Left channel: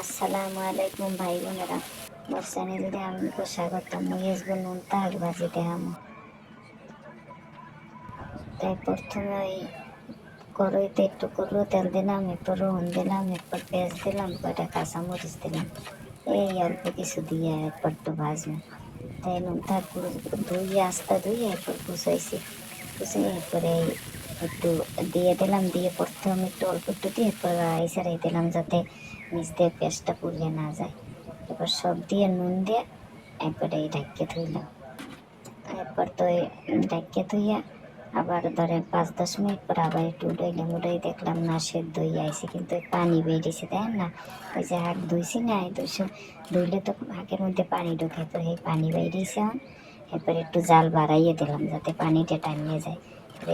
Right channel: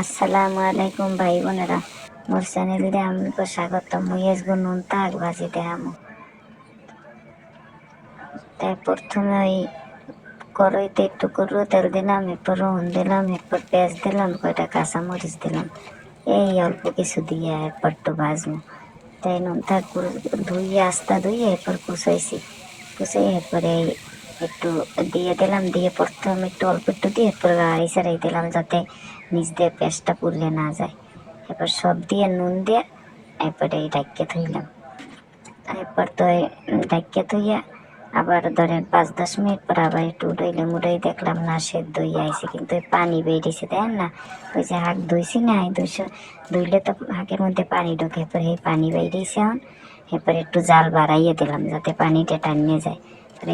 আসসালামু আলাইকুম ভাই বোনেরা, মোর চ্যানেলে আমাকে স্বাগত। মুই আজকে নুন তাক ভাজি দেখামু। তাই প্রথমে ওই কড়াইতে একটু করু তেল দিলাম, এরপর রোহন দিলাম, এরপর পেঁয়াজ দিলাম, কয়টা কাঁচামরিচ দিলাম, এই অল্প কিছু দিয়ে এরপর একটু ভাজবো। তাই নুন তাক ধুইয়ে আস্তা ধুইয়ে এরপর কুচাইছি, কুচাই এরপরে একটু দিয়ে দিলাম, দিয়ে প্রথমে একটু অল্প একটু দিয়ে এরপর গাড়ি ছাড়াই দিলাম যাতে নিচ দিয়ে পেঁয়াজটা পুড়লে না যায়। এবার সব দিয়ে নুন দিয়ে এরপরে এই ঢাকিয়ে ধুইলাম। এরপর তো ঢাকিয়ে ধুইয়া আবার ধরেন 5-10 মিনিট পর আবার একটু উড়াইলাম, উড়াই দেখলাম না সেদ্ধ হয়ে আইছে, কিন্তু পানি বেরিয়েছে দেখেন না। ওই যে হাঁক ধুইছি না, এই ধুইলে তো হাঁকের মধ্যে পানি ঢোকে, এরপরে এই পানি বেরিয়েছে। এখন এরপরে একটু জাল বাড়াইয়ে দিলাম যাতে পানিটা টানিয়ে যায়।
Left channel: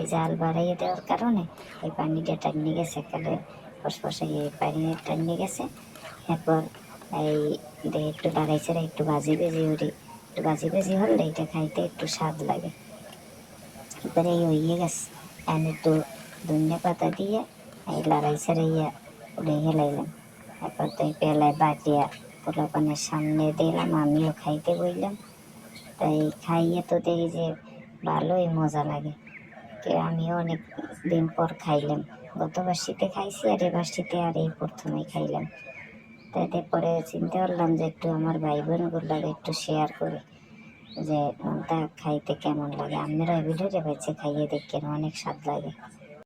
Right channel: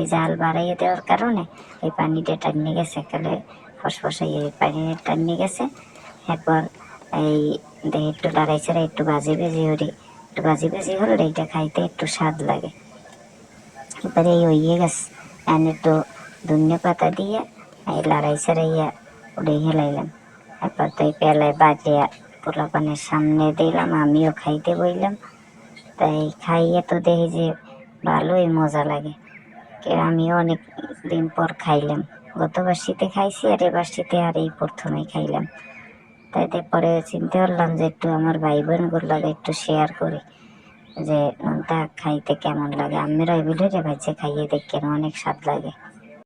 এই জাল বাড়াইয়ে দেওয়ার কারণে এই পানিটা টানিয়ে গেছে, একেবারে ফসফসাই পানি টানিয়ে গেছে। এরপর এই একটু লড়াই ছাড়া একটু ভাজি ভেজি উড়ি, একটু ভাজি ভেজি হলে এইটা খাইতে একটু স্বাদ লাগে। এরপরে এই হয়ে গেছে, এন একটু ধনিয়া পাতা দিয়ে এই লড়াই ছাড়াইয়া উড়ে হেলাইলাম। এরপর তো এই পেলায় বাজিয়া পোলাপানের সামনে দিলাম, আমিও খাইতে বইলাম। তাই খাইয়ে তো দেখি যে ভালোই মজা লাগে। আমিও অনেক দিন পর খাইলাম, গতবার শীতে খাইছি আর এবার শীতে আর এই প্রথমেই খাইলাম। তাই পরে চিন্তা করলাম যে একটু আমার ভাই বোনগুলো একটু শেয়ার করি যে নুনটা খাইতে কেমন লাগে। আমিরা ওই ভিডিওটা বাচ্চা খাইয়ে দেখেন, অনেক স্বাদ লাগে।